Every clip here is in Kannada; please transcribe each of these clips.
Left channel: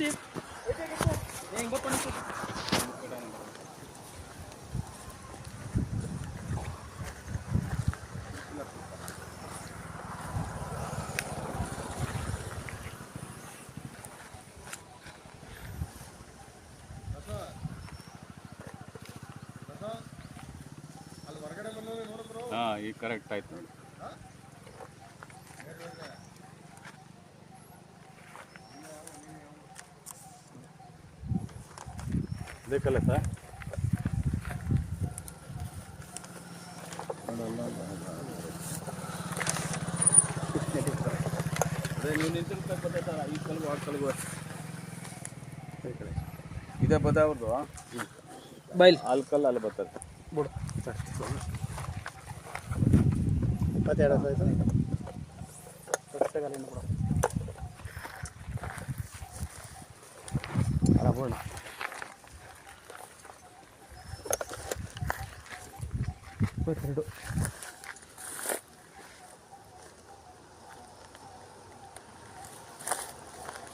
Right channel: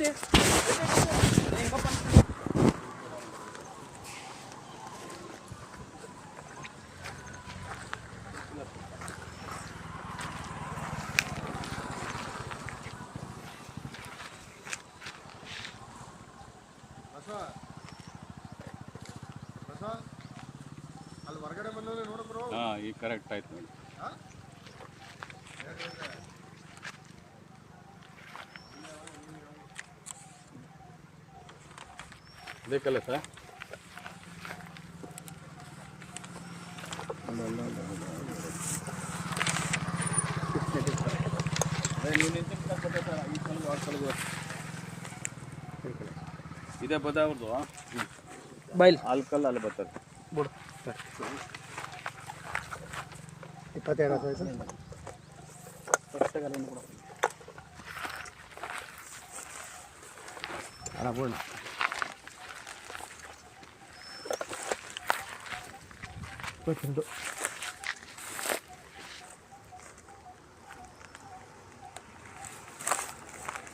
ಅಲ್ಲಿ ಹೊರಗಡೆ ಬಂದವ್ರೆ ನೋಡಿದ್ರು. ಈಗ ಕರೆಕ್ಟ್ ಆಯ್ತು ನೋಡಿ. ಬೇಕಲ್ಲ ಸರ್? ಇದೇ ಬದ ಅವ್ರದ್ದು ಬೈಲ್ ಆಲ್ಕಲ್ ಅಲ್ಲಿ ಬರ್ತದೆ. ಬಿಡು 22 ಸೈಜ್ ಪುಸ್ತಕದಲ್ಲಿ ಬಿಡು ಅಲ್ಲ ಬಿಡೋಣ.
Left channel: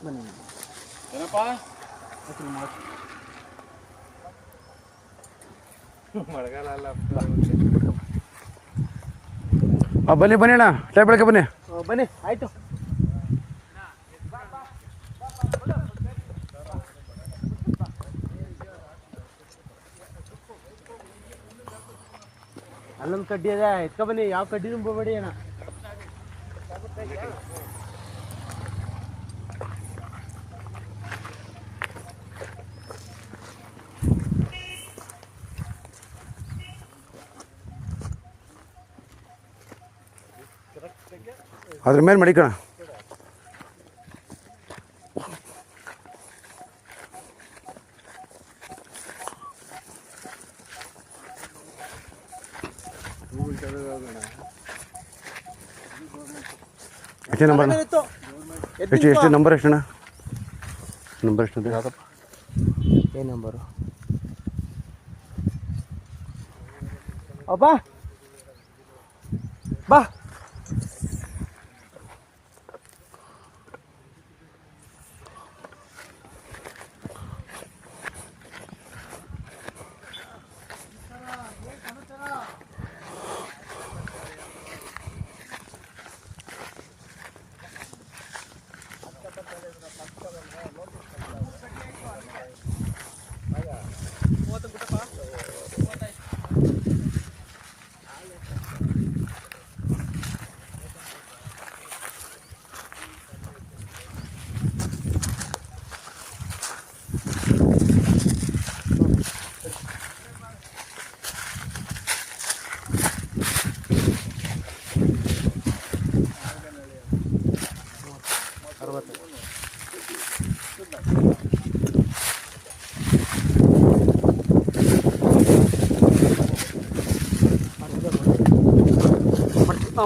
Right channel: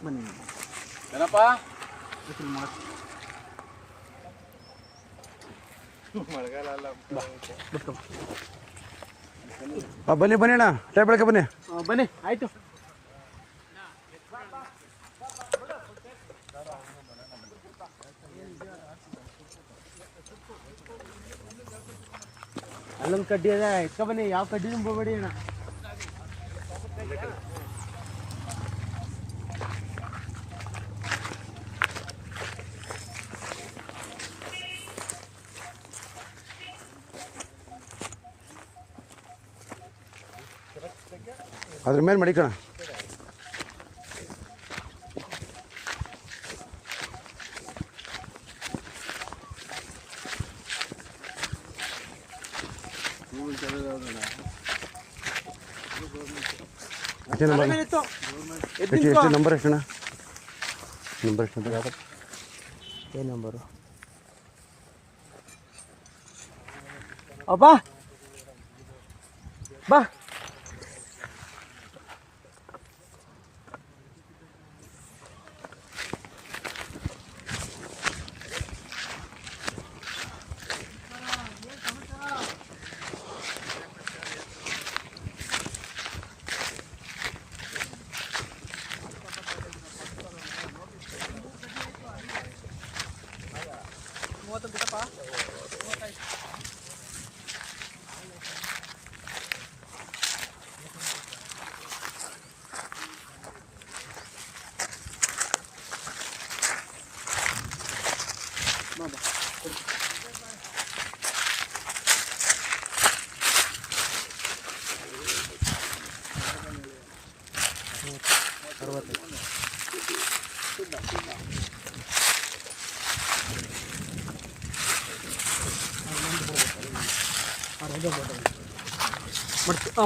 ಬನ್ನಿ ಏನಪ್ಪ ಮಳೆಗಾಲ ಅಲ್ಲ. ಬನ್ನಿ ಬನ್ನಿ ಅಣ್ಣ, ಟೈಪ್ ಬೆಳಗ್ಗೆ ಬನ್ನಿ. ಬನ್ನಿ ಆಯಿತು. ಅಲ್ಲೊಂದು ಕಡ್ಡಿ ಅದ, ಎತ್ಕೊ ಬನ್ನಿ. ಯಾವ ಕಡ್ಡಿನೂ ಹೋಗ್ಬೇಡಿ ಅಣ್ಣ. ಅದ್ರ ಮೇಲೆ ಮಡಿಕೋಣ. ಎಷ್ಟು ನಂಬರ್? ಎಷ್ಟು ನಂಬರ್? ಎಷ್ಟಣ್ಣ ನಂಬರ್? ಎಷ್ಟು ಏನು ನಂಬರು? ಬಾ ಬಾ.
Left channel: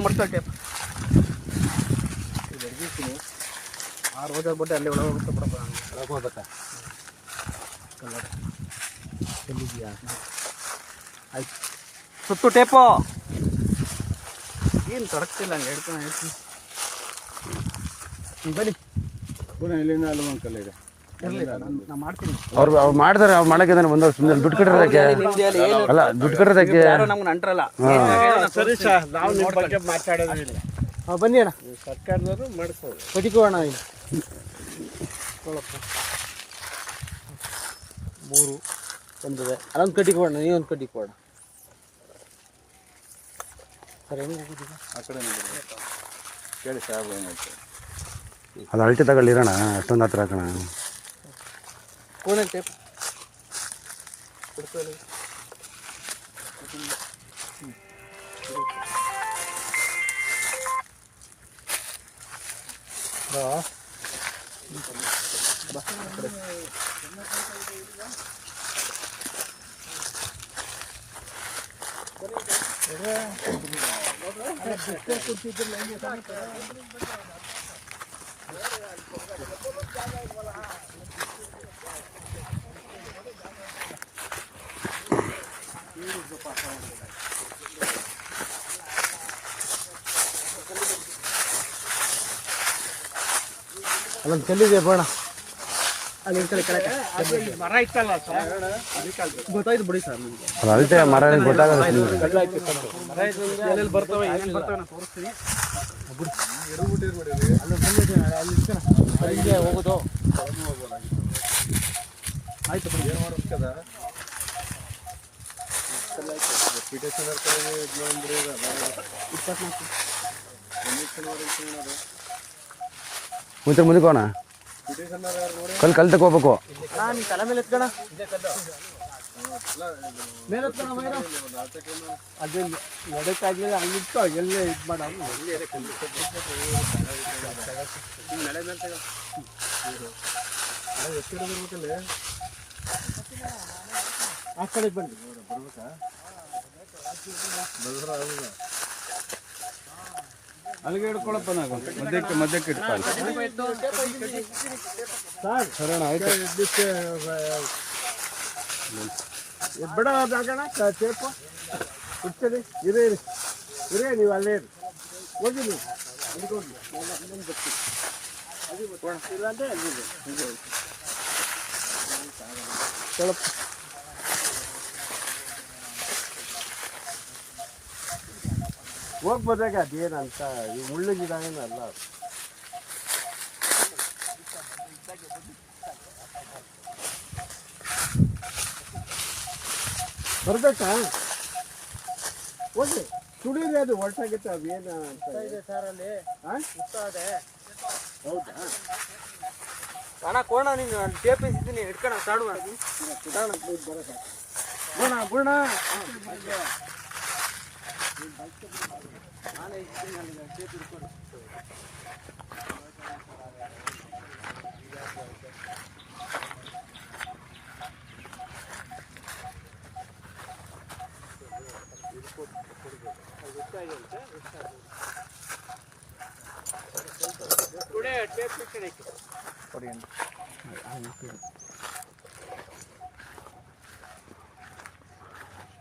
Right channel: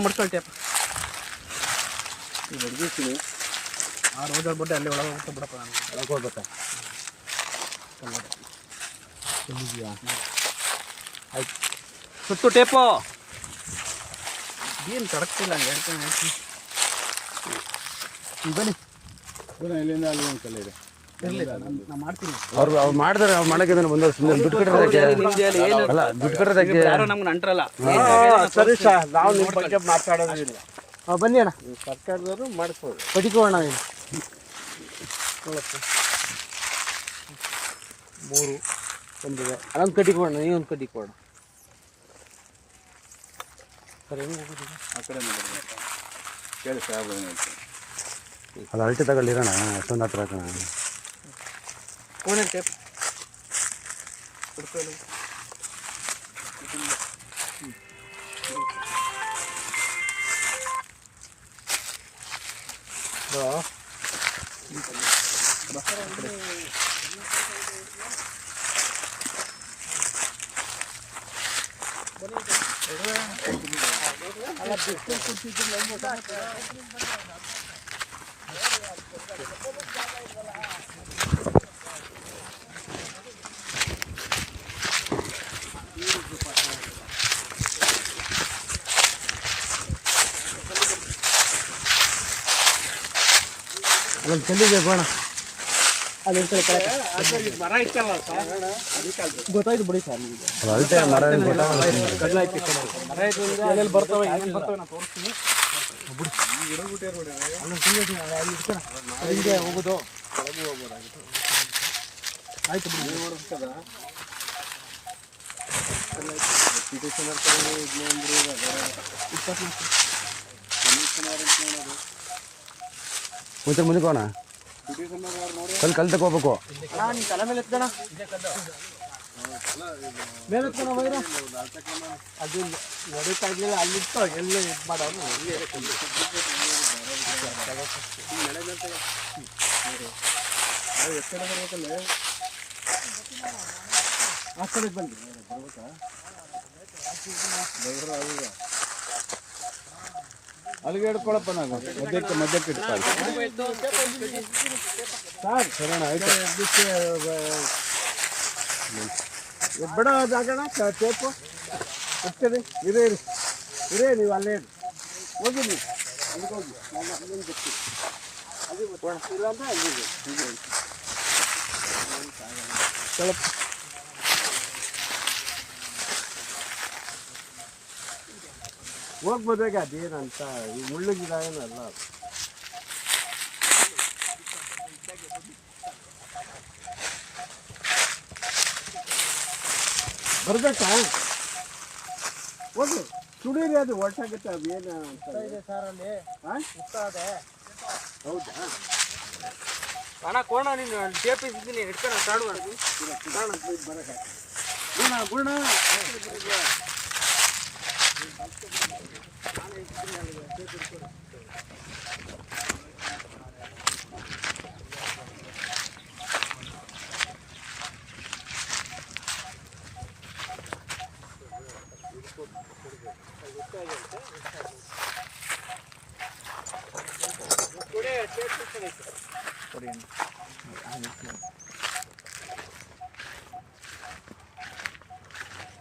ಮಡ್ಕೊಳ್ಳಿ ಟೇಪ್ ಬಡ್ಗಿಸ್ತೀನಿ. ಆ ರೋಜರ್ ಬಡ್ಡೆ ಅಲ್ಲಿ ಒಳಗೆ ಹೋಗುತ್ತೆ ಬಿಡಪ್ಪ. ಒಳಗೆ ಹೋಗ್ಬೇಕಾ? ಇದೆಯಾ? ಆಯ್ತು. ಸುತ್ತು ಟೇಪು ಏನು ತಡಕ್ತಿಲ್ಲ, ಹಂಗೆ ಹೇಳ್ತಾನೆ ಆಯ್ತು. ಬನ್ನಿ ಇಲ್ಲಿಂದ ಅಲ್ಲಿ ಒಂದು ಕಲ್ಲ ಇದೆ. ಇರಲಿ, ನಾನು ಮಾಡ್ತೀನಿ. ಅವ್ರು ಮಾಡಿದ್ರೆ ಅವ್ರು ಮಾಡಕ್ಕೆ ಬಂದ ದುಡ್ಡು ಕಟ್ಟೋದಕ್ಕೆ ಅಲ್ಲ, ದುಡ್ಡು ಕಟ್ಟೋದಕ್ಕೆ ಯಾರು ನಮ್ಗೆ ಅಂಟ್ರಲ್ಲ. ಸರಿ ಸರ್, ನಾವು ನಿಮ್ಮ ಬಗ್ಗೆ ಮಾತಾಡೋದಿಲ್ಲ. ಬನ್ನಿ ಅಣ್ಣ, ಸರ್ಕಾರದವರು ಮಾಡ್ಕೋದು. ಬದಿಕೋಣ. ನೋಡಪ್ಪ 3 ಒಂದಿದೆ. ಅಲ್ಲೊಂದು ಕಡ್ಡಿ ಕೊಡೋಣ, ನೀವೊಂದು ಕಡ್ಡಿ ಕೊಡೋಣ. ಸರ್ ಹೆಂಗೆ ಹೋಗೋದಿಲ್ಲ? ಆ ಕಡೆ ಕೇಳಿ ಸಾಹೇಬ್ ಏನು ಹೇಳ್ತಾರೆ. ಅದು ಅಳತೆ ತಗೊಳ್ಳಿರೋಣ, ಅಷ್ಟೊಂದು ಹತ್ರ ಹಾಕೋಣ. ಫೋನಲ್ಲಿ ಟೇಪ್ ಹುಡ್ಕೊಳ್ಳಿ. ಅಲ್ಲೊಂದು ಕಲ್ಲಿದೆ ಬೋಣ. ಅಲ್ಲಿ ಇರ್ತಾರೆ ಕೆಳಗೆ. ಮರ ಇತ್ತಲ್ಲ ಸರ್ ಅದಕ್ಕೆ ಅಲ್ಲಿ ಗೊತ್ತಾಯ್ತು ಬಿಡಿ ಸರ್ ನಿಮಗೆ. ಅದಕ್ಕೆ ಮರ ಏನ್ ಗೊತ್ತಾಗಲ್ಲ. ಮರ ಇದ್ರಿಂದ ಎಲ್ಲೆಲ್ಲಿ ಬರ್ತವೆ ಏನೇನು ಬರ್ತವೆ ನಾನು ತೋರಿಸ್ತೀನಿ. ಹಿಂಗೆ ಹೋಗೋದು ಆಯ್ತು ಬಿಡಿ. ಏನು ಮಾಡೋದು ಮುಂಚೆ ಮುಂದಕ್ಕೋಣ ಕಲ್ ತಗೋಬೇಕು. ನೀನು ತಲೆ ಮೇಲೆ ಎತ್ಕೋಣ, ಮೇಲೆ ಎತ್ಕೋಣ ವೈರ. ಅದು ನಡಕ್ಕಾಗಲಿಲ್ಲ ಅಲ್ಲಿತ್ತು ಎಲ್ಲೇ ಇದು ಮಾಡೋದು. ಆ ಕಡೆ ಬನ್ನಿ. ಅಲ್ಲಿಗೆ ಹಿಡ್ಕೊಳಪ್ಪ ನಾನು ಮಧ್ಯಕ್ಕೆ ಇಡ್ತಾನೆ. ಸರ್ ಆಯ್ತು ಬಿಡ ಜಾಗಣ ಟೇಪು ಹೋಗ್ತದೆ. ಇರೇ ನೀವು ಅಲ್ಲೇ ಹೋಗಿ ನೀವು ಹಿಡ್ಕೊಂಡು ನಾನು ಅಲ್ಲೊಂದು ಬರ್ತೀನಿ. ಅದು ಇಲ್ಲ ಅಂದರೆ ಅಲ್ಲಿದೆ ಹೀಗೆ ಸ್ವಲ್ಪ ಹೋಗ್ಬೋದಾಗ ಅದೇನಂತ ಈ ಮುಳ್ಳು ಗಿಡ ಏನಲ್ಲ ಅದು. ಬರ್ಬೇಕಾ ಹೋಗಿ ಸುಡೀರಿ, ಅದು ಒಟ್ಟಾಗುತ್ತೆ. ಅದು ಏನು ಅಂತ ಇದೆ ಸರ್ ಅಲ್ಲಿ ಇದೆ. ಹೌದಾ ಅಣ್ಣ ಕೋಣ ನೀನು ಟೇಪ್ ಇದ್ದೀನಿ ಹಿಡ್ಕೋಣ ಕಾಡು ಬರೋಕ್ಕೆ ಗುಣ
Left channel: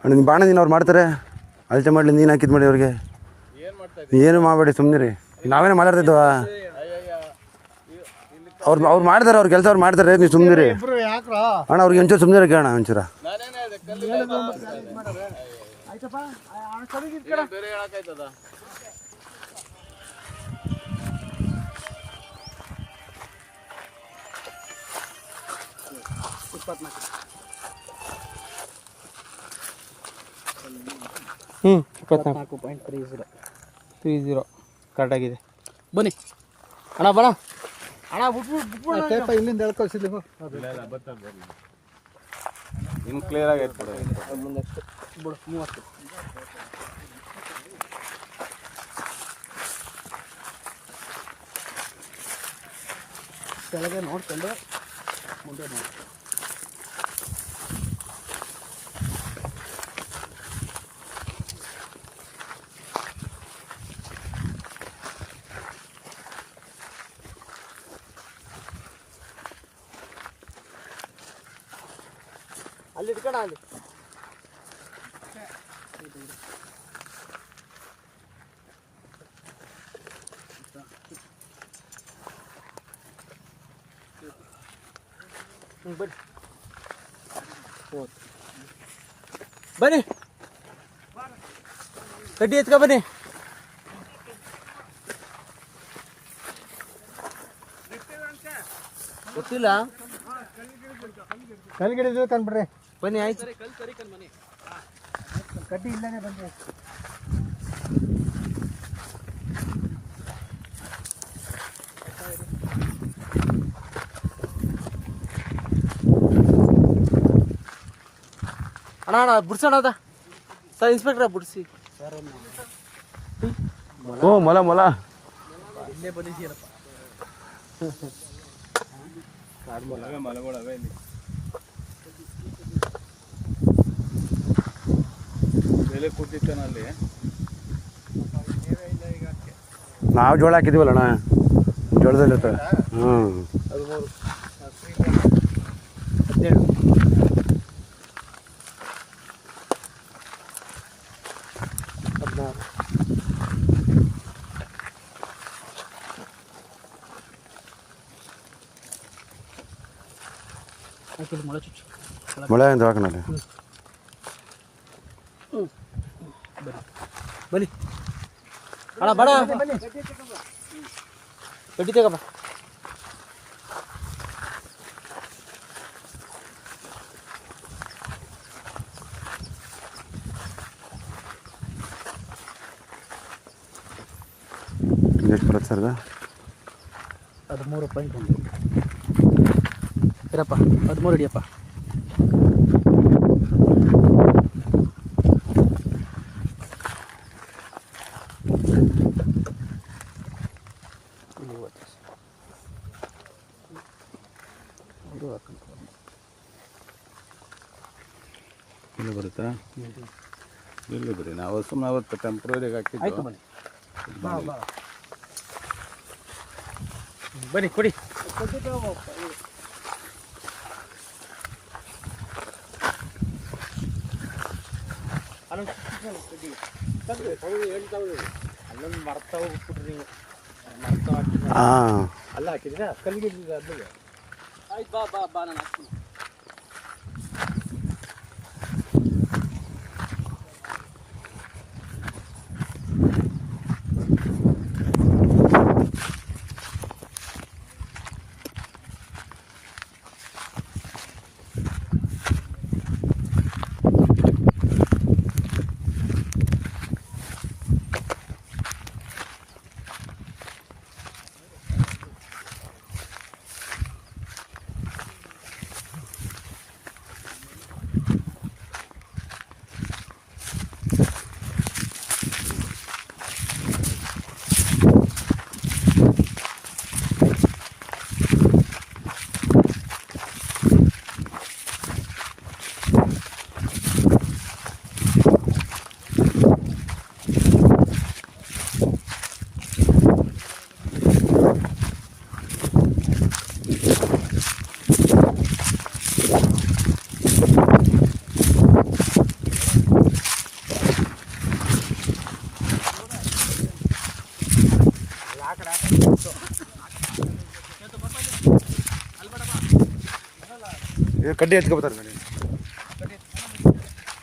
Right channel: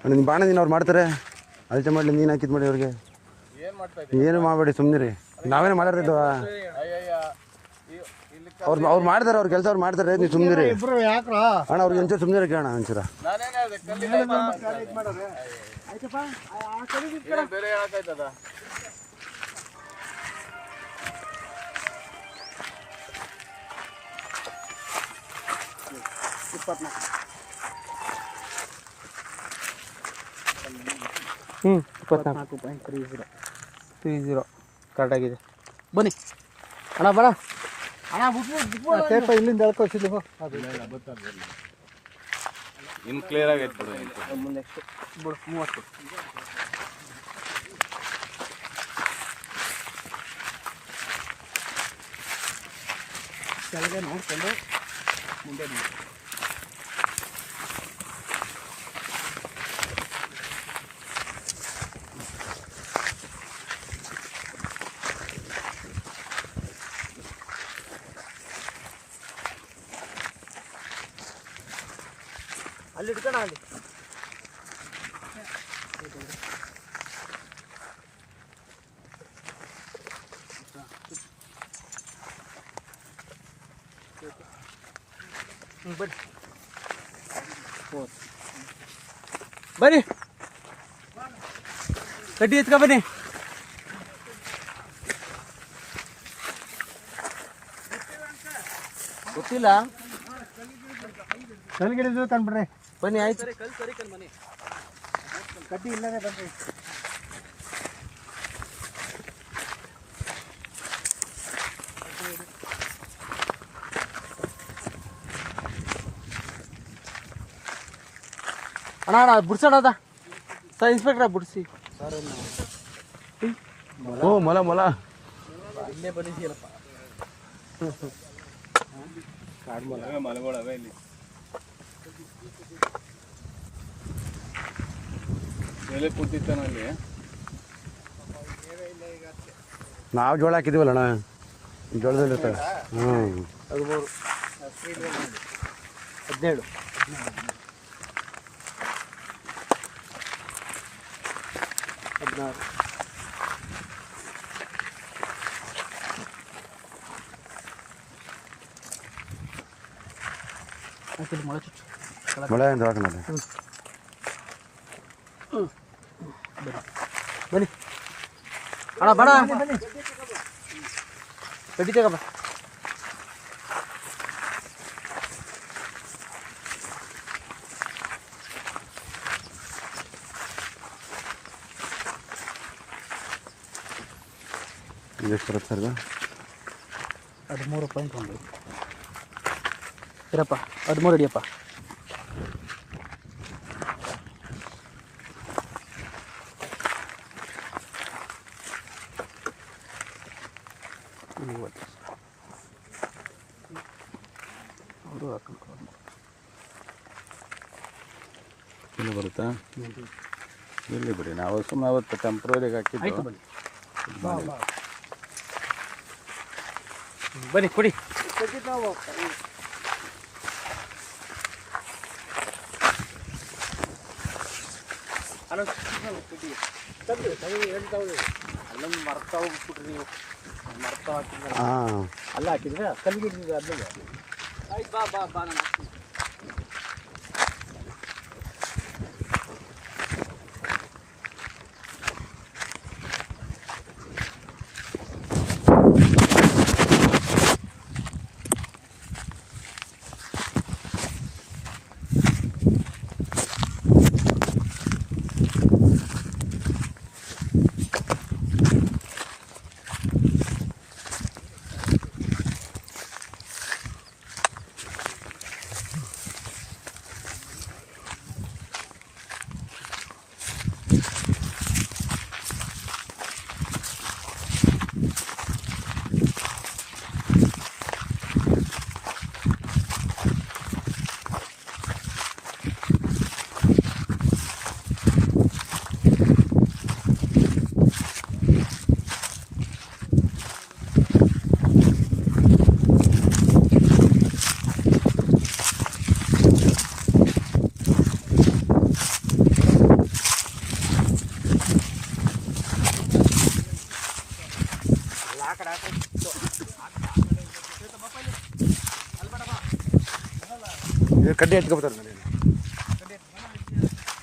ನಿಮ್ಮ ಬಾಣ ನೀನು ಅವ್ರು ಮಾಡ್ತಾರೆ, ಅಳತೆ ಮಾಡಲಿ, ನೀನು ಹಾಕಿದ್ ಮಾಡಿ ಅವ್ರಿಗೆ. ಏನು ಮಾಡಬೇಡಿ, ಸುಮ್ಮನೆ ನಾವೇನೇ ಮಾತಾಡ್ತಿದ್ವ. ಅವ್ರು ಮಾಡ್ತಾರೆ, ಅವ್ರ ಕೆಲಸ ಅವ್ರು ಮಾಡ್ತಾರೆ, ನೀವು ಸುಮ್ಮನೆ ಅಣ್ಣ. ಅವ್ರಿಗೆ ಒಂಚೂರು ಸುಮ್ಮನೆ ಕೇಳೋಣ ಒಂಚೂರ. ಹ್ಞೂ 24.30 ಕರೆಕ್ಟಾಗಿದೆ. ಬನ್ನಿ ಅಣ್ಣ ಬಣ ಅಣ್ಣ ಬಿಟ್ಟು ಟೇಪ ಇಲ್ಲಿಂದ ಎಳ್ಕೊಳ್ಸಿದ್ಲಿ. ಇನ್ನು ಕ್ಲಿಯರ್ ಆಗೈತೆ ಬಿಡು. ಮುಂದೆ ಎಷ್ಟು ಬಿಡು 30 ಕೆಳಗೆ ನೋಡ್ಕೊಂಡು ಮುಂದೆ ನೋಡಿ. ಅಲ್ಲಿ ಇಟ್ಕೋಣ ಅಲ್ಲಿ. ಬನ್ನಿ ಬನ್ನಿ ಕಡ್ಡಿ ಎತ್ಕೊ ಬನ್ನಿ. ಗೊತ್ತಿಲ್ಲ ಕಲ್ಗಿಡಿದು ಕಂಡ್ಬಿಡ್ರಿ. ಬನ್ನಿ ಆಯ್ತು. ಕಡ್ಡಿ ಇಲ್ಲನೇ ಬಂದ್ರಿ. ಅಣ್ಣ ಬಿಡ್ಸೋಣದ ಸರ್, ಇನ್ಸ್ಪೆಕ್ಟ್ರ ಬಿಡಿಸಿ ಸರ್. ಓ ಮೊಲ ಇಲ್ಲೇ ಬಂದಿದ್ದೀಯಲ್ಲಪ್ಪ. ಕಾಡು ಮೊಲ ಮಲಗೋಳವೆ ಇಲ್ಲಿ. ಎಲೆ ಕೂತಿತ್ತಾನಲ್ಲಿ. ನಾವು ಜೋಳ ಹಾಕಿದ್ದೀವಲ್ಲ ಅಣ್ಣ, ಜೋಳದಲ್ಲಿ ಇರ್ತವೆ. 13 17 16 17 ಹಾಕಿಲ್ಲ ಮೊಳೆ ಚುಚ್ಚು ಮಳೆ ಅಂತ ಹಾಕೋಣ ಬನ್ನಿ ಅಣ್ಣ ಬೇಡ ಕಡ್ಡಿ ತಗೋ ಬಾ ಎಷ್ಟು ಬರುತ್ತೆ ಸರ್ ಅದು 13.1 ಇರಪ್ಪ 13 ಹಿಡಿಯಪ್ಪ ಇಲ್ಲಿ ಬರುತ್ತಾ ಇಲ್ಲಿ ಬಿಡಿ ನಾವು ಸುಮ್ಮನೆ ಅವತ್ತು ಟೆಂಪ್ರವರಿಗೆ ಆಯ್ತು ಹಾಕಿದ್ದು ಬನ್ನಿ ಬನ್ನಿ ಕೊಡಿ ಅಲ್ಲೊಂದು ಮರ್ತ ಹೋಗ್ಬಿಟ್ರಿ ನೀವು ಮರ್ತ ಹಾಕಿದ್ರೆ ಹಾಂ ಅಲ್ಲ ಹಾಕಿದ್ರೆ ಕಲ್ಲಿಗೆ ಅಲ್ಲಿಗೆ ಆಯ್ತು ಬಾ ಬಾ ಬಾ ನಾನು ಹಾಕ್ತೀನಿ ಕಡ್ಡಿ ಎತ್ಕೊಬರ್ತಾರೆ ನೋಡಿ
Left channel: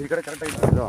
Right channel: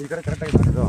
ಈ ಕಡೆ ಕರೆಕ್ಟಾಗಿ ಮಾಡಿದ್ರು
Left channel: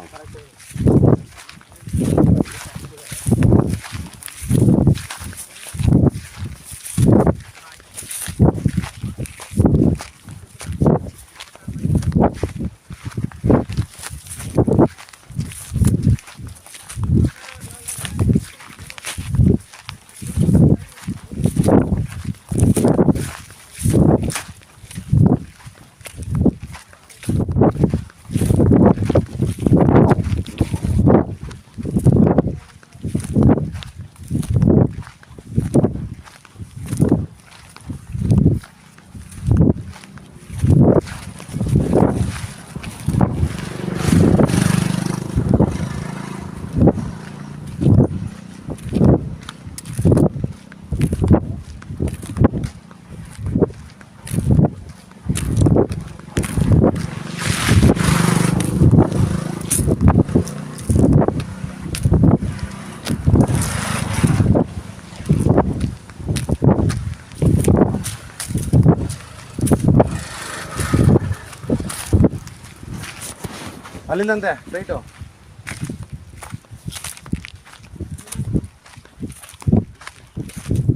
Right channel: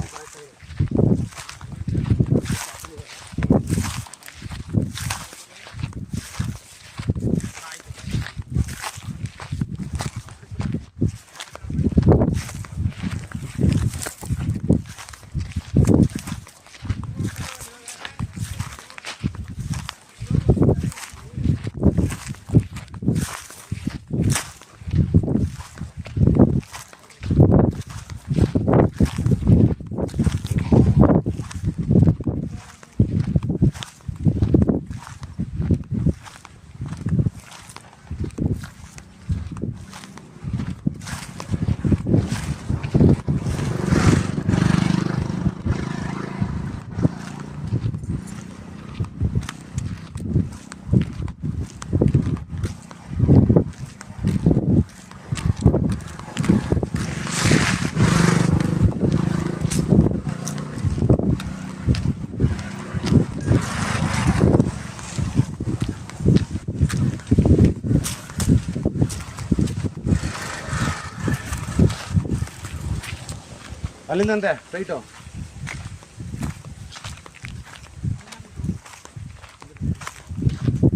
ಅಲ್ಲಿಂದಂತೆ ರೈಟು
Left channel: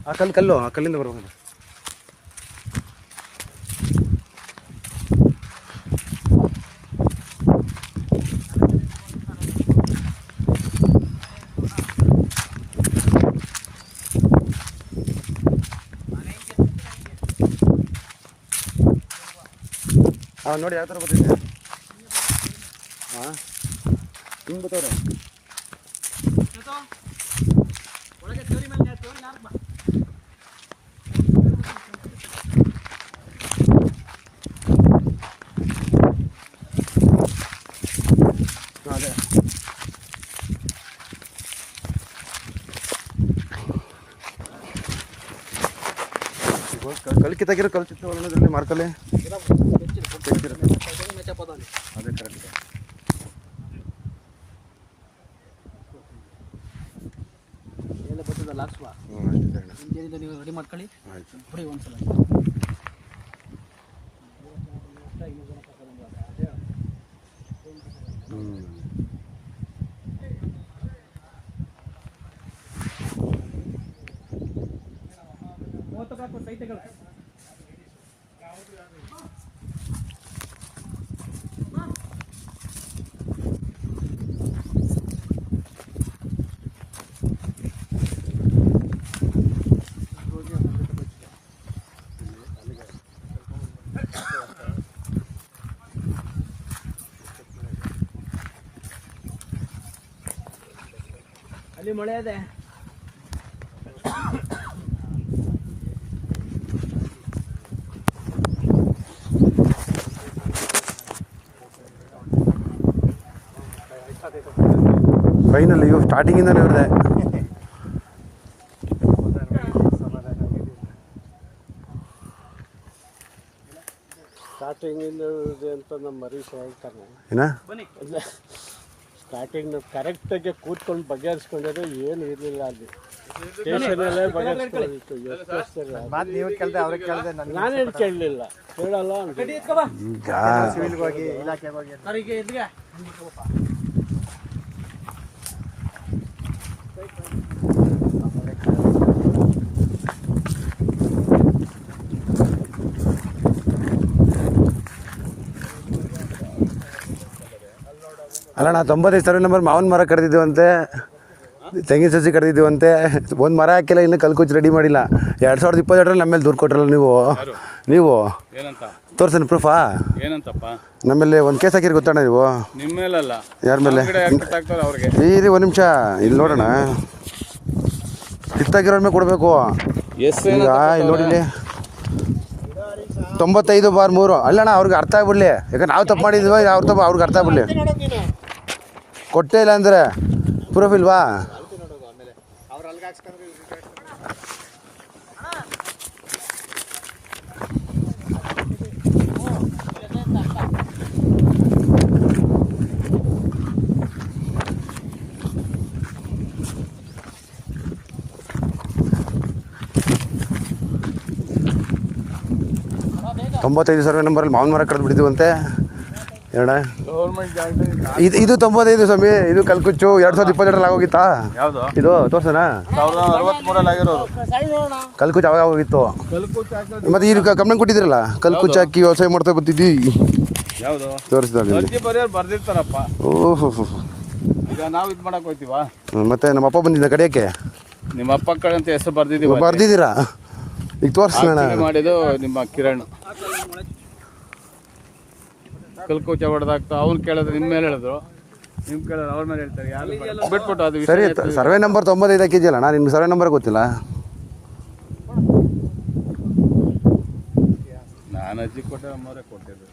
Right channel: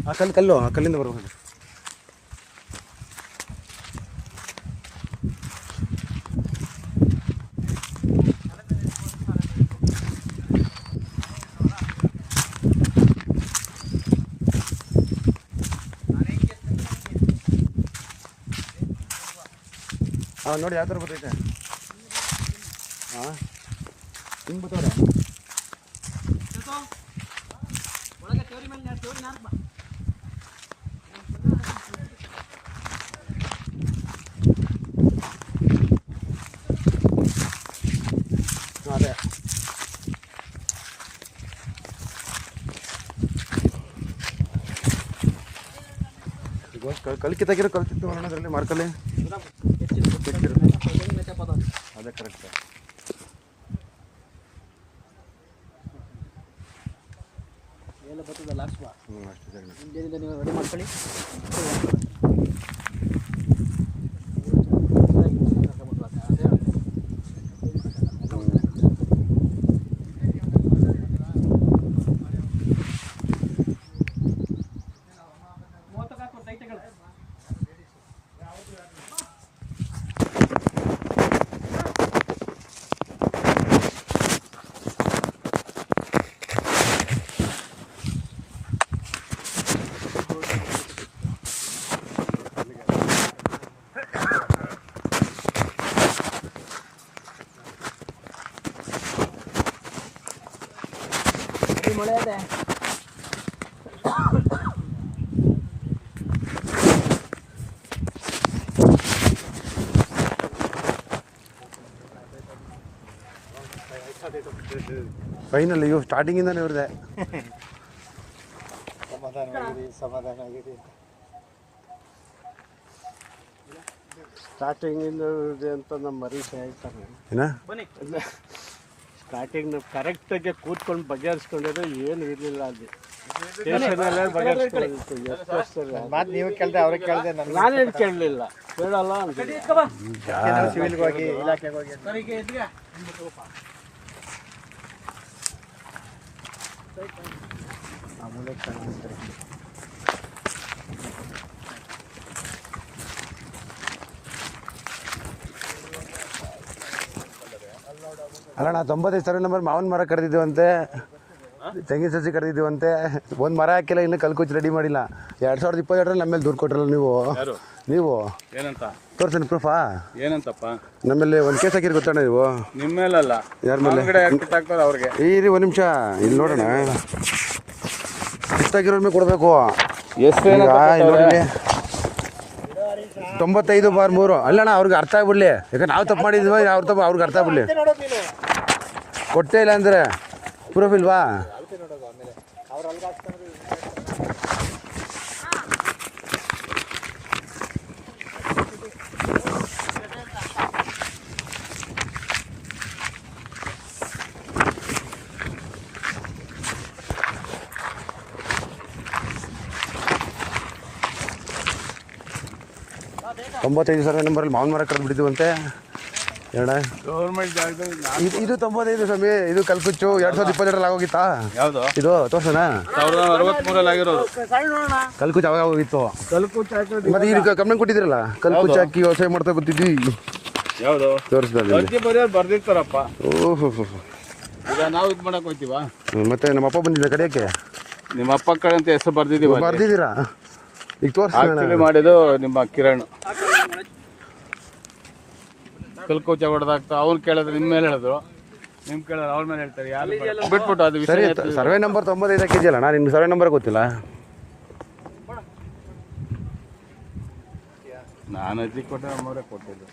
ಆ ಕಲ್ಲು ಆ ಕಲ್ಲಿಂದ ಬರ್ಬೇಕು ನೋಡಿ ಯಾವ ಥರ ಬರ್ತೈತೆ ಹಾಂ ಹಿಂಗೆ ಬರ್ತವ್ರೆ ಅದೇ ಕಲ್ ಕಿತ್ತಾಕಿರೋ ಕಲ್ತಿತ್ತು ಅನ್ನೋದ್ರಲ್ಲಿ ಮಾರ್ಕಲ್ಲಿ ಅದೇ ಕರೆಕ್ಟ್ ಎಲ್ಲ ಬರ್ತದ ಲಾಕ್ಸ್ವಾ ನೀವು ರೆಡಿ ಮಾಡ್ಕೊಳ್ಳಿ ಮಳೆ ಅದೇ ಫೈನಲ್ ಇವು ಸ್ಟಾರ್ಟಿಂಗಿಂದನೇ ಇವ್ರದೆ. ಸ್ಟಾರ್ಟಿಂಗಿಂದ ಅಂತ ನಮ್ಮ ಮರೀಶ್ ಹೇಳ್ತಾರೆ. ಏನ ಬನ್ನಿ. ಸ್ಟಾರ್ಟಿಂಗ್ ಕರೆಕ್ಟಾಗಿ ಕೂತ್ಕೊಂಡು ಬಗೆಹರಿಸ್ಕೊಂಡಿರೋ ಏನು ಇರಲಿಲ್ಲ ಅಲ್ಲಿ. ಸ್ಟೇಷನಲ್ಲೇ ಬಗೆಹರಿಸ್ಕೊಂಡಿತ್ತು. ಎಷ್ಟು ವರ್ಷ ಮಾತು ನೀವು ಕೇಳಿದೆ ಅವ್ರಿಗೆ ಕೇಳಿದೆ, ನಾನೇನು ಕೇಳಲಿಲ್ಲ, ಕೇಳಲ್ಲ ಅಂತ. ಸಿವಿಲ್ಗೆ ಹೋಗಿ ಇಲಾಖೆಗೆ ಹೋಗಿ ಅಲ್ಲ ನಾ 95 ಸರ್ವೆ ನಂಬರ್ ಮಾವನ ಮರ ಕಡ್ದಿದ್ದೀವಂತೆ, ತೆಂಗಿನ ಸಸಿ ಕಡ್ದಿದ್ದೀವಂತೆ. ಒಂದು ಮರ ಹಾಕಿಲ್ಲ, ಇನ್ನೂ ಕಲ್ಕುಚ್ಚಿ ರೆಡಿ ಮಾಡಿಲ್ಲ. 2022ರಲ್ಲಿ ನಮ್ಮ ಮೇಲೆ ದೂರು ಕೊಟ್ರಲ್ಲ ನೀವು ಏನಂತ ತೋರ್ಸೇನು ಪ್ರೂಫಾ? ಏನಂತಪ್ಪ? ನಮ್ಮಲ್ಲಿ ಒಂದು ಕೇಸ್ ಹಾಕಿರಿ ಗೊತ್ತಣ್ಣ ನೀವು? ನಿಮ್ಮ ಮೇಲಲ್ಲ, ಯಾರ ಮೇಲೆ? ಅವ್ರಿಗೆ ಇರಿ ಒಂದು ನಿಮಿಷ ಇಲ್ಲಿ ನೋಡೋಣ. ಕಿತ್ತಾಗಿರೋ ಮೇಲೆ ಕೊಡಬೇಕು. ಎಷ್ಟು ಈಗ ಇಲ್ಲಿ 95/3 ಅಲ್ಲಣ್ಣ, ಅವ್ರಿಗೆ ಅರ್ಥ ಆಗ್ಬಿಡ್ಲಿ. ಯಾಕಂದ್ರೆ ನಾವು ತಪ್ಪು ಮಾಡಿದ್ವಿ, ಅವ್ರಿಗೆ ಅರ್ಥ ಆಗ್ಬಿಡ್ಲಿ. ಕೊಟ್ಟೇ ಇಲ್ಲ ಅಂದರೆ ಪ್ರೂಫ್ ಇಲ್ವಾ? ತೊಂಬತ್ತೈದು ಸರ್ವೆ ನಂಬರಲ್ಲಿ ಮಾವನ ಮರ ಕಡ್ದು ಬಿಟ್ಟಿದ್ದೀವಂತೆ. ಹೇಳ ಗೌರ್ಮೆಂಟ್ ಜಾಗದಲ್ಲಿ ಇದು 95 ಸ್ವಾಮಿ. ಇದು ಕಲ್ಕುಚ್ಚು 2022ರಲ್ಲಿ ಆಗೋಗಿತ್ತಾ? ಯಾವುದು? ಇದು ತೋರ್ಸೋಣ. 1963ರಲ್ಲಿ ಆಗಿರೋದು ಕಲ್ಕುಚ್ಚು ಅವಾಗ ಆಗೋಗಿತ್ತು. ಮತ್ತೆ ಈಗ ಕಂಪ್ಲೇಂಟ್ ಕೊಟ್ಟಿದ್ದೀರಲ್ಲ, ಕಲ್ಕುಚ್ಚು ಹಾಕಿ ವ್ಯವಸಾಯ ಮಾಡ್ತಾ ಬರ್ತಿದ್ವಿ. ಯಾವುದು ತೋರಿಸ್ದಲ್ಲಿ ಅರ್ಜಿ ಬರೆಯೋರು ಬರ್ದಿರ್ತಾರಪ್ಪ. ಓಹೋ, ಈಗ ನಾವು ಇದು ಮಾಡಕ್ ಹೋಗ್ತೀವಾ? ಮತ್ತೆ ನಮ್ಮ ಅಪ್ಪ ಬಂದಿದ್ದ ಕಡೆಯಕ್ಕೆ ನಿಮ್ಮ ಅಪ್ಪ ಕಡೆ ಅಂತ ಹೆಸರು ಬರ್ದಿದ್ದೀವಿ. ಬರ್ದಿದ್ದೀರಾ? ಈಗ ತೋರಿಸೋಣ. ಮಾಡಿದ್ದು ನಿಮ್ಮ ಕಿರಣ್ ಕಲ್ಕುಚ್ಚ ಹೊಡೆದಾಗ್ತಾ ಅವ್ನು ಕೇಳಿದ್ರೆ ನಿಮ್ಮ ಮೇಲೆ ಹೇಳಿದ್ರು, ನಿಮ್ ಕೇಳಿದ್ರೆ ಅವ್ರ ಮೇಲೆ ಹೇಳ್ತಾರೆ. ಯಾರು ಬಿಟ್ಬಿಟ್ಟು ಅದು ಸರಿ. ಸರ್ವೆ ನಂಬರ್ 95 ಹಾಕಿದ್ಯಲ್ಲ, ನಾನು ನಿಮ್ಮ ಸರ್ವೆ ನಂಬರ್ ಗೊತ್ತಿಲ್ಲ. ನಾನು ಅಜ್ಜಿ ಕೊಟ್ಟೆ, ನಮ್ಮವರೇ ಕೊಟ್ಟಿದ್ದು.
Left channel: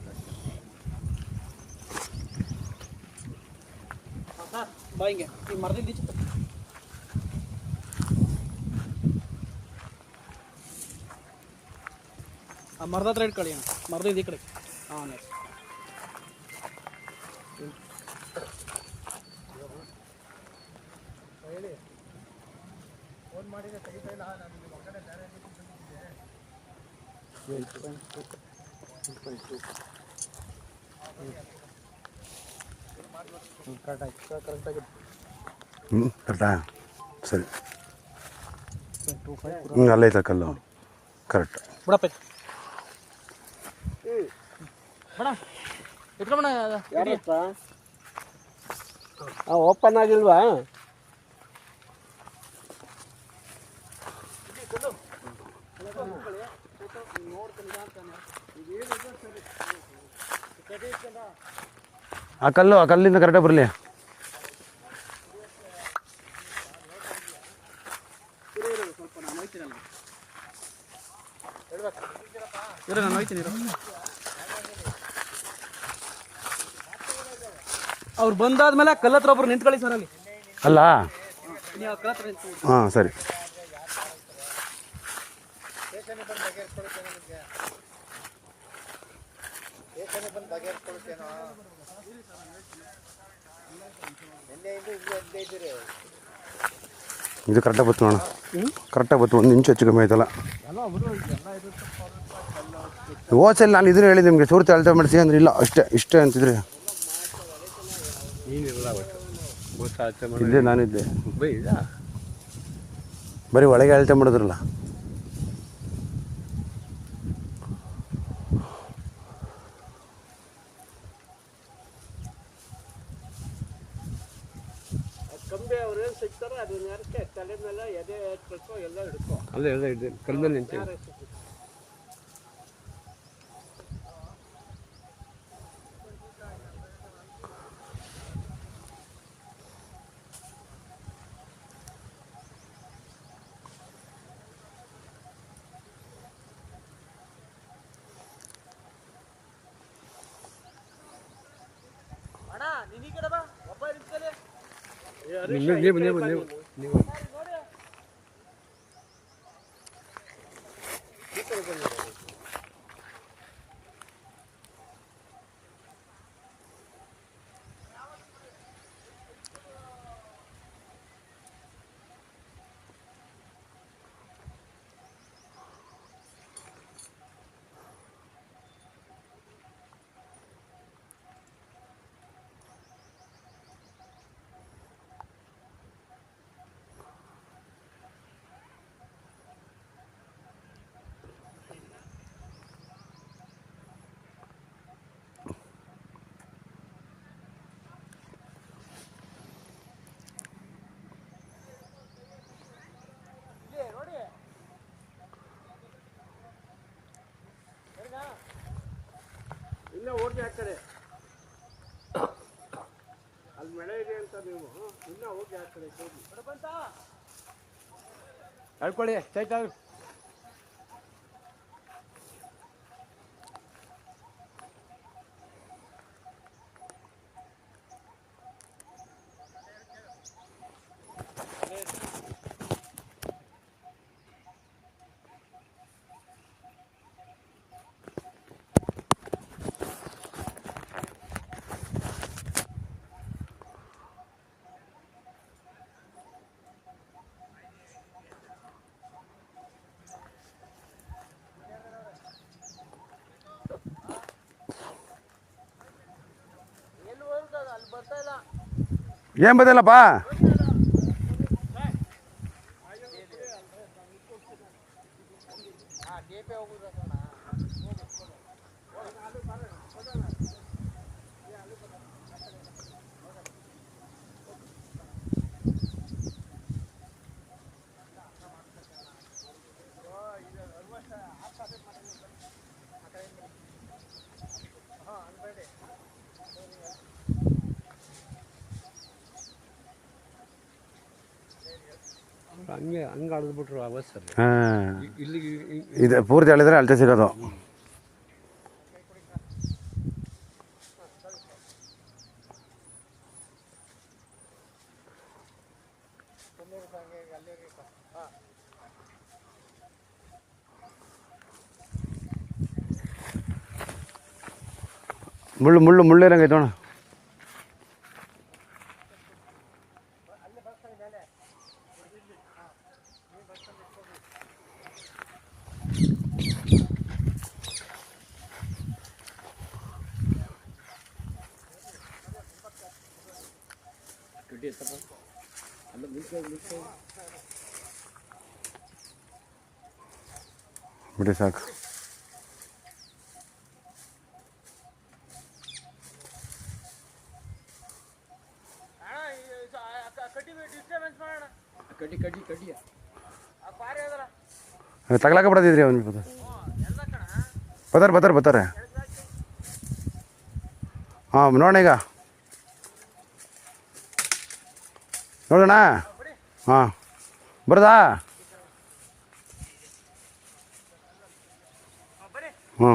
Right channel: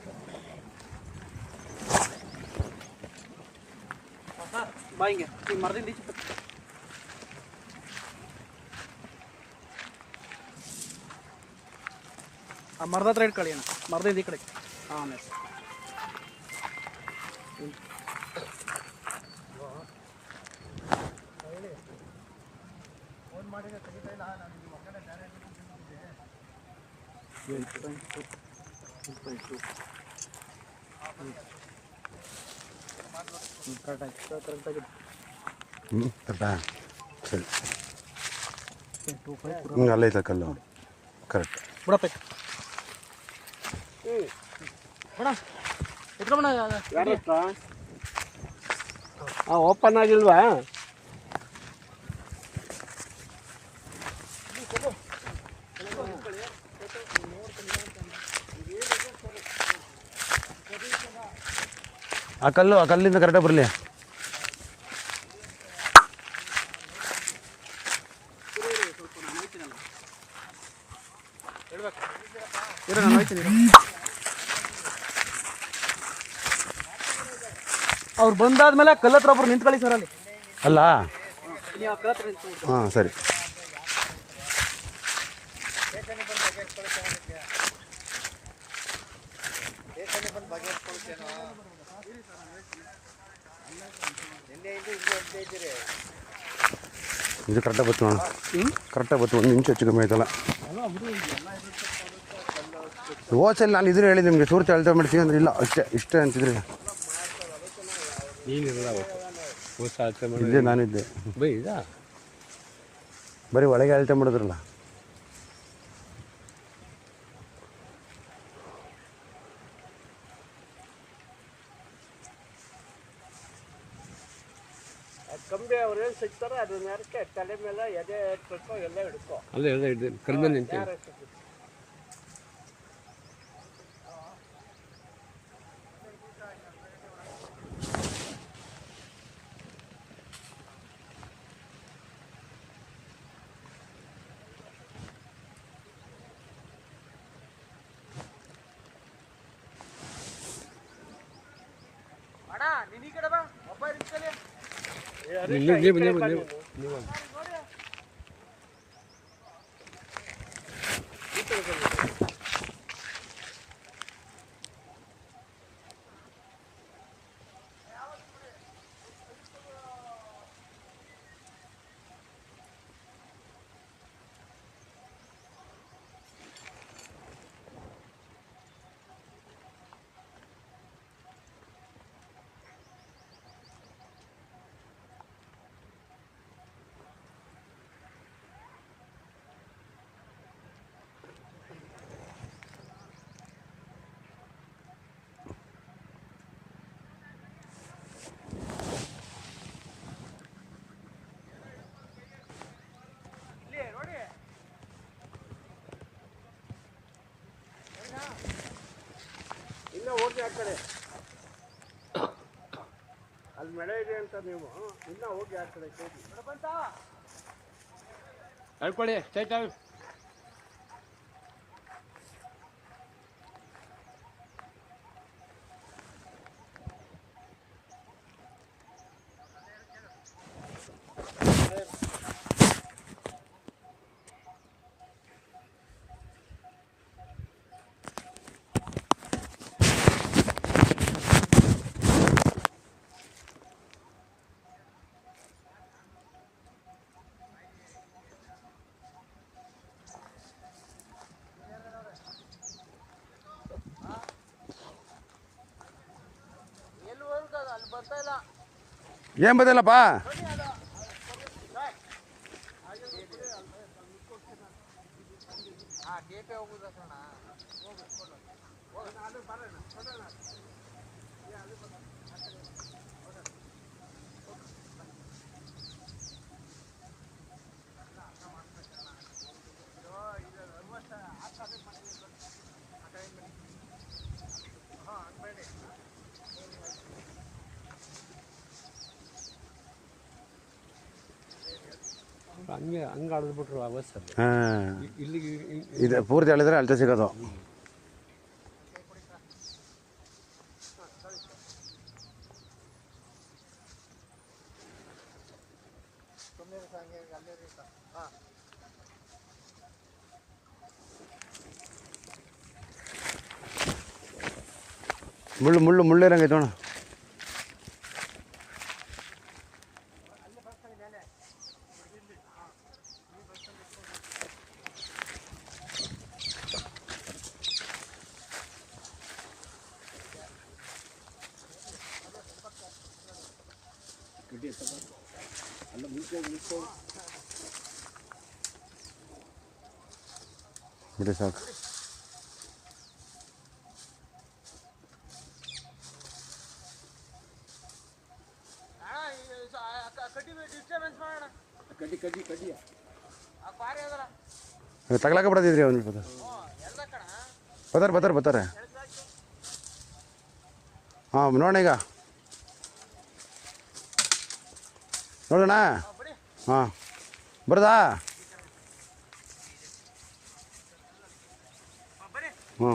ಆ ಮರದ ಹತ್ರ ಇಟ್ಕೊಳ್ಳಿ ಅಣ್ಣ, ಮರದಿಂದ ಈ ಕಡೆ. ಹಾಂ ಕರೆಕ್ಟಾ? ಸರಿ. ಅಲ್ಲೈತ ಕಲ್ಲು ಕರೆಕ್ಟ್. ಬಿಡಪ್ಪ ಯಾರಪ್ಪ ಓಪನ್ ಆಗಿಲ್ವಾ? ಆ ಕಲ್ಲಿಂದ ಕರೆಕ್ಟಾಗಿ ಬರಲಿ. ಅವ್ರು ಬಂದಾದ್ಮೇಲೆ ಕಲ್ಲತ್ರ ಒಬ್ರು ನಿಂತ್ಕೊಳ್ಳಿ ಸರ್ ಅಲ್ಲಿ. ಅಲ್ಲ ನೀವು ಆ ಕಲ್ಲತ್ರ ನಿಂತ್ಕೊಳ್ಳಿ. ಹಾಂ ಸರಿ. ಇದು ಕರೆಕ್ಟಾಗಿ ಬತ್ತು ನೋಡ, ಕರೆಕ್ಟಾಗಿ ಬತ್ತು. 1 ನಿಮಿಷ ಹೆಚ್ಚು ಕಮ್ಮಿ ಆಯ್ತಲ್ಲ. ಹೋಸಲ್ಲಿ ನಾನು ಇದನ್ನು ಹೇಳಿದೆ ನಿಮಗೆ, ಸೂರ್ತಿ ಅಳತೆ ಮಾಡಿಸಿ ಅಂದ್ರೆ ಇಲ್ಲ ಇಷ್ಟೇ ಅಂತಿದ್ರಿ. ಇದ್ದೆ ನಾನಿದ್ದೆ, ಬರೀ ಒಳಗೆ ಅಳತೆ ಮಾಡಿದ್ರಲ್ಲ. ಕಂಬಿ ಅವ್ರು ಏನು ಸಿಗ್ತಾರೋ ಅದನ್ನ ಯಾರಕ್ಕೆ ತಲೆ ಮೇಲೆ ಎದೆ ಎತ್ಬೇಕು ಎಲ್ಲ ಹಿಡ್ಕೊ. ಅಲ್ಲೇ ಎಲ್ಲ ಇದ್ದೆ ಕಲ್ ಮೇಲೆ ನಿಂತೆ. ನೀವು ಇನ್ನ ಹೋಗಿ ಆ ಕಡೆ ಅಲ್ಲಿ ಮಳೆ ಇದೆ ಅಂತ ನೀವು ಇನ್ನ ಹೋಗಿ ಆ ಕಡೆ ಹೋಗಿ ಹೇಳ್ಕೊಳ್ಳಿ ಚೈತ ಏನು ಬದಲಪ್ಪ ಹಂಗೆ ಆಡಿದ್ಬಿಟ್ರು ಅವಸ್ಥೆ ಹಾಂ ಇಲ್ಲಿಗೆ ಇದು ಪೂರ್ತಿ ಹೇಳಿದ್ರೆ ಅಳತೆ ಸಿಗೋದು. ಮುಳ್ಳಿರಂಗೈತೆ ನೋಡು. ಬಿಡಿ ಸಾಕು. ತಗ್ಲಾಕ ಬಿಡದಿದ್ರಿ ಅವನು ಬರ್ತಾರೆ ಹಾಂ ನೋಡೋಣ ಈಗ ನೋಡೋಣ ಹಾಂ ಬರೋದಾ ಹ್ಞೂ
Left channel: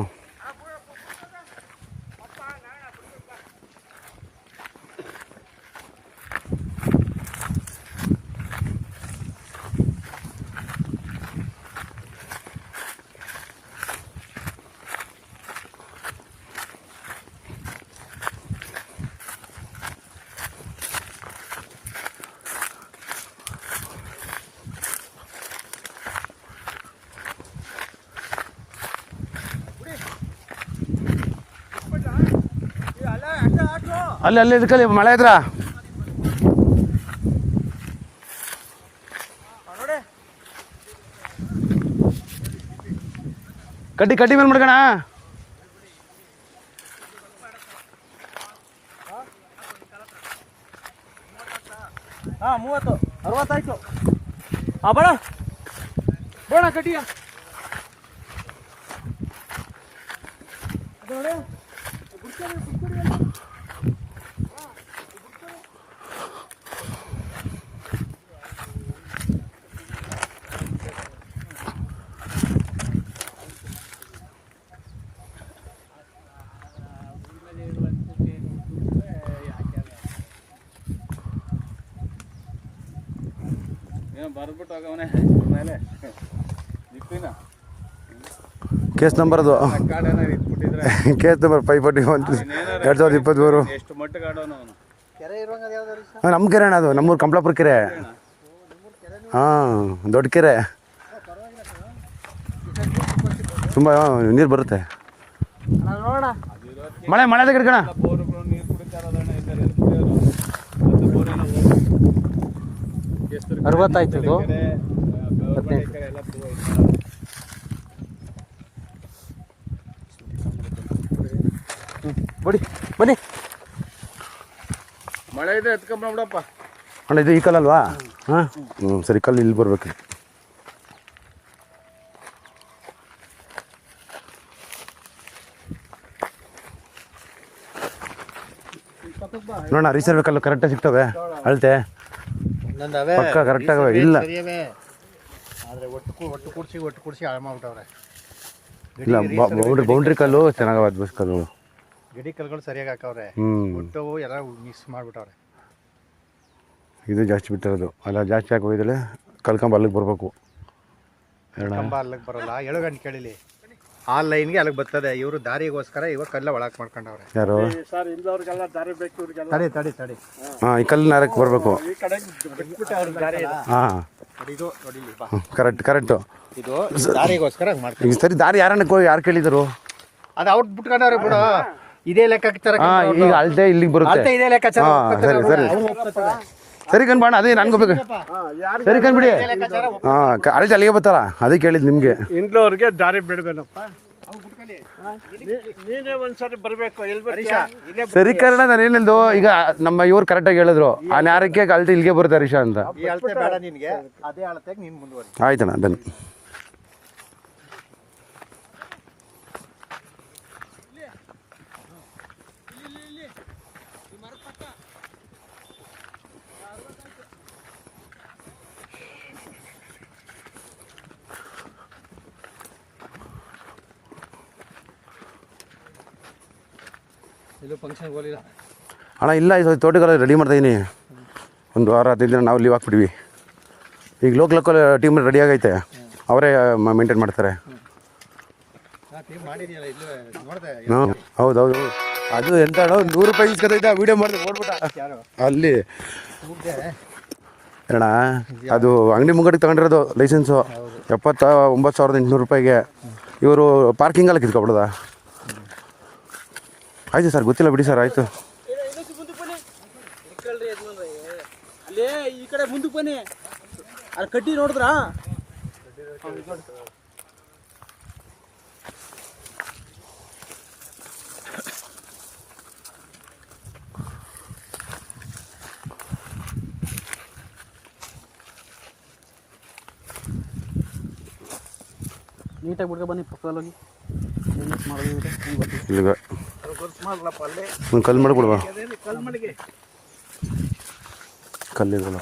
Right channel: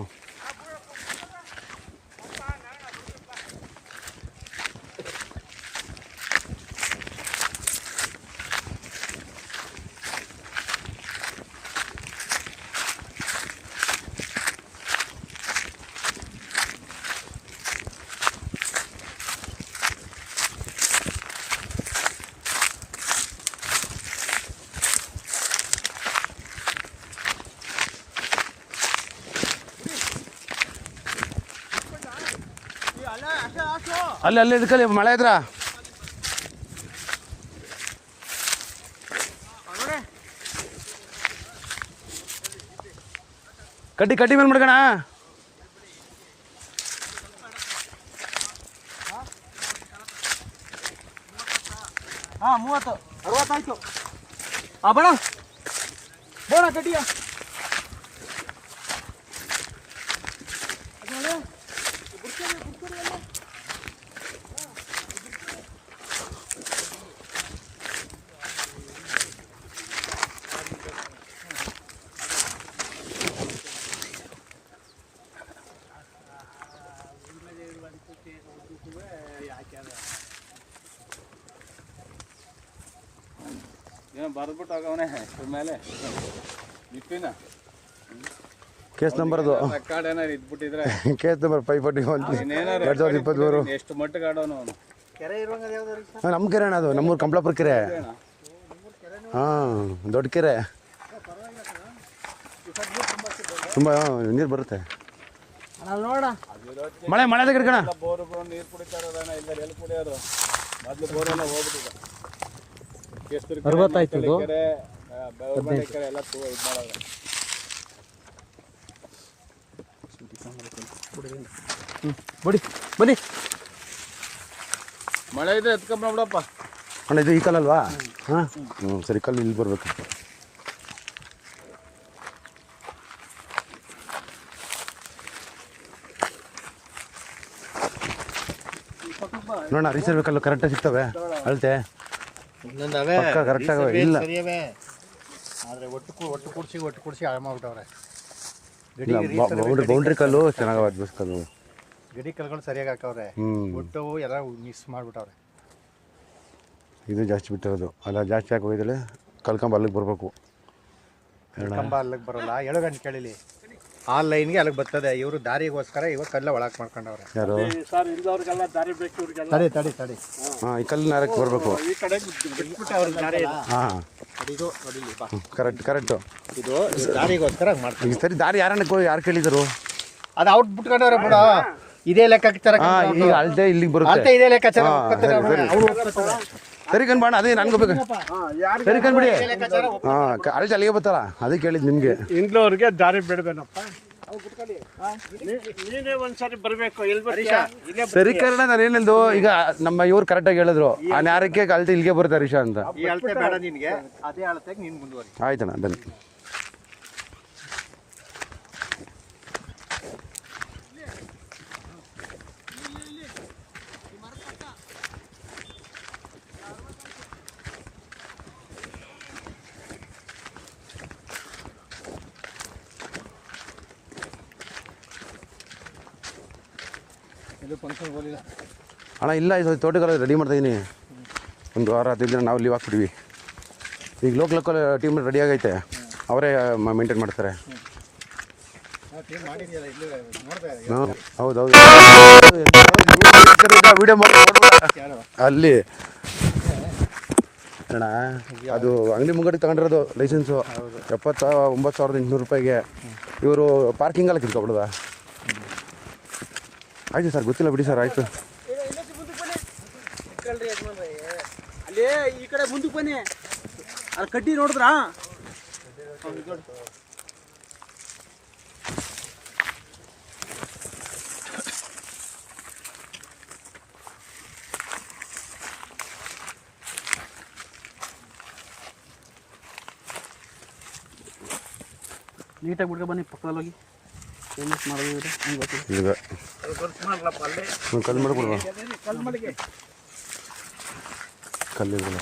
ಅಲ್ಲಿ ಇದಕ್ಕಲ್ಲಿ ಮಳೆ ಇದ್ರ ಕಡ್ಡಿ ಮೇಲೆ ಮಾಡ್ಕಣ. ಹಾಂ 30 60 ಆಯ್ತು. ಬಣ ಬೋಣ ಕಟ್ಟಿಯ ಏನೋ ಬರ್ಬಿಟ್ಟು ಹೋಗವನೆ ಮೇಲೆ ಇಪ್ಪಿನ ಕೇಸ್ ನಂಬರ್ ಅದು ಕಾರ್ಡ್ ಏನಾರು ಇಟ್ಬಿಟ್ಟಿದ್ರೆ ಕೇಸ್ ನಂಬರ್ 541 2023. ಎಷ್ಟು ಮಟ್ಟಿಗೆ ಆಡೋನು ಅವನು. ಕೆರೆ ಇರುವಂಗ ಯಾವ್ದಾರು ನಮ್ಮ ಕೆರೆ ಅಣ್ಣ ಅದು ನಮ್ಮೂರು ಕಂಪ್ಲಾಪುರ ಕೆರೆ. ಹಾಂ ದೊಡ್ಡ ಕೆರೆ ತುಂಬ ನೀರು ಬರುತ್ತೆ. ನೋಡ ಮಳೆ ಮಳೆ ಕಣ ಬೋರುಗಳು ನೀರು ಕುಡಿತಾರದಣ್ಣ ಇಲ್ಲ ಎಲ್ಲಿ ಕುಡಿಯೋರು ಅದು ಬೋರೆಲ್ಲ ಹೋಗ್ಬಿಟ್ಟು 60 ಆಯ್ತು ಇದು. ಕೆರೆ ಗೌರ್ಮೆಂಟ್ ಕೆರೆ ಎಲ್ಲ ಇದು ಮಾಡೋದು. ಬಡಿ ಬನ್ನಿ. ಮಳೆ ಇದೆ ಎತ್ಕೊಂಬಿಡಪ್ಪ. ಅಣ್ಣ ಇದು ಈ ಕಲ್ಲಲ್ವಾ? ಹಾಂ ಸರಿ ಕಲ್ಲು ಇಲ್ಲಿ ಬರ್ಬೇಕು. ನೋಡೋಣ ರೀಸರ್ವೆ ಕಲ್ಲು ಕರೆಕ್ಟಾಗಿ ಸಿಗ್ತವೆ ಅಳತೆ ಒಂದೊಂದವೆ ಕರೆಕ್ಟಾಗವೆ ಇಲ್ಲ ಸರಿಯವೇ ಆದರೆ ಒಟ್ಟು ಕೂಡಿಸಿ ಹಾಳು ಮಾಡ್ಬಿಟ್ಟವ್ರೆ. ಇಲ್ಲ ಬೌಂಡ್ರಿ ಕಲ್ಲು ಚೆನ್ನಾಗವ ಬಸ್ ಕಲ್ಲು ಗಡಿ ಕಲ್ಗಳು ಸರಿಯಾಗಿ ಹಾಕವ್ರೆ. ಒಟ್ಟು ಎಲ್ಲ ಮಿಕ್ಸ್ ಮಾಡ್ಬಿಟ್ಟವ್ರೆ. ಇದು ಜಾಸ್ತಿ ಬಿಟ್ಟಿರೋದು ಅಲ್ಲ ಜಾಸ್ತಿ ಹಾಕಿ ಹೋಗಿದ್ರೆ ಕಲ್ಕಂಬ ಅಲ್ಲಿಗೆ ಬರಬೇಕು. ಕಂಬ ಅಲ್ಲಿಗೆ ಬರೋಲ್ಲ. 7 ಗಂಟೆ ಕೇಳಿಲಿ ಆ ಲೈನ್ಗೆ ಅಲ್ಲಿಗೆ ಬರ್ತದೆ. ಇವರು ದಾರಿಗೋಸ್ಕರ ಇವಾಗ ಕಲ್ಲ ಒಳಗೆ ಮಾಡ್ಕೊಂಡವ್ರೆ. ಯಾರು ಸರ್ ಇಲ್ದವ್ರಿಗೆಲ್ಲ ದಾರಿ ಬೇಕು ಇವ್ರಿಗೆಲ್ಲ. ತಡಿ ಹಾಂ ಈ ಕಲ್ಲು ನಾರಕ್ಕೆ ಬರಬೇಕು. ಈ ಕಡೆ ಅವ್ರಿಗೆ ದಾರಿ ಇಲ್ಲ. ಹಾಂ ಇದು ನೋಡಿಲಿ ಬಾ, ಕರೆಕ್ಟು ಇದು ದಾರಿಗೋಸ್ಕರ ಮಾಡ್ತಾರೆ. ಈಗ ಸರಿ ದಾರಿ ಯಾರು ಕೇಳಿದರು? ಅದು ಔಟ್ ಬಿಟ್ಕೊಂಡವ್ರೆ ಬಿಡು. ಇದೇ ಲೆಕ್ಕಾಚಾರ ಈಗ ಅಳತೆ ಇಲ್ಲಿಗೆ ಬರುತ್ತೆ. ಅಲ್ತೆ ಇದೇ ಲೆಕ್ಕಾಚಾರ ಸರಿ ಕಣ್ಬಾಣ ಅದೇ ನನ್ಗೆ ಹೋಗ್ಬೇಕು. ಸರಿ ಕಣ್ಬಿಡಿ ಹಾಂ ಅಳತೆ ಅಲ್ಲಿಗೆ ಬರ್ತಾರ ಅದೇ ಕೇಳಿದ್ದು ನಿಮಗೆ. ಇಂದ್ಲವ್ರಿಗೆ ದಾರಿ ಬಿಡ್ಬೇನಪ್ಪ. ನೀನೇ ಒಂದ್ಸರಿ ಬರ್ಬೇಕು. ಸರಿ ಕನ್ನಡ ನಾನು ಏನಿಲ್ದು ಈಗ ನಮ್ಮ ಇವ್ರು ಕರೆಕ್ಟಾಗಿ ಹೇಳಿದ್ರು ಆ ನ್ಯಾರಕ್ಕೆ ಅಳತೆ ಇಲ್ಲಿಗೆ ಬರುತ್ತೆ ಹರೀಶ ಅಂತ. ಈ ಅಳತೆ ಬೇಡ ನಿನ್ಗೆ, ಅದೇ ಅಳತೆಗೆ ನೀನು ಮುಂದುವರಿ. ಆಯ್ತಣ್ಣ ಬನ್ನಿ. ಇದು ಫಂಕ್ಷನ್ ಹೋಗಿಲ್ಲ ಅಣ್ಣ ಇಲ್ಲ ಇದು ತೋಟಗಾರ ರೆಡಿ ಮಾಡ್ತಾಯಿದ್ದೀನಿ. ಒಂದು ವಾರ 15 ದಿನ ನಾವು ಲೀವ್ ಹಾಕ್ಬಿಡ್ವಿ. ಈಗ ಲೋಕಲ್ ಟೀಮ್ ರೆಡಿ ಆಗೈತೆ, ಅವರೇ ಮೇಂಟೈನ್ ಮಾಡ್ತಾರೆ. ಹೌದೌದು ವಿಡಿಯೋ ಮಾಡಿ ಅಲ್ಲಿ ಅಣ್ಣ ಅದು ಅಂಗಡಿ ಮುಂಗಡಿಗೆ ತಗೊಂಡಿರೋದು ಲೈಸೆನ್ಸು 79,800 ರೂಪಾಯಿಗೆ. ಇವರು ಪಾರ್ಕಿಂಗಲ್ಲಿ ಕಿತ್ಕೊಬಿಡೋದ? ಆಯ್ತು ಸರ್ ಗೊತ್ತಿಲ್ಲ ಬಿಡಿ ಸರ್ ಆಯಿತು. ಅಲ್ಲೇ ಈ ಕಡೆ ಮುಂದಕ್ಕೆ ಬನ್ನಿ. ಅಲ್ಲಿ ಕಡ್ಡಿ ನೋಡಿದ್ರಾ? ನೀಟಾಗಿ ಬಿಡ್ಕೊ ಬನ್ನಿ ಪಕ್ಕದಲ್ಲಿ ಹೋಗಿ. ಈಗ ಒಂದು ಕಲ್ಲು ಮಾಡಿಕೊಡ್ಬಾ. ಕಲ್ಲಿರಲ್ಲ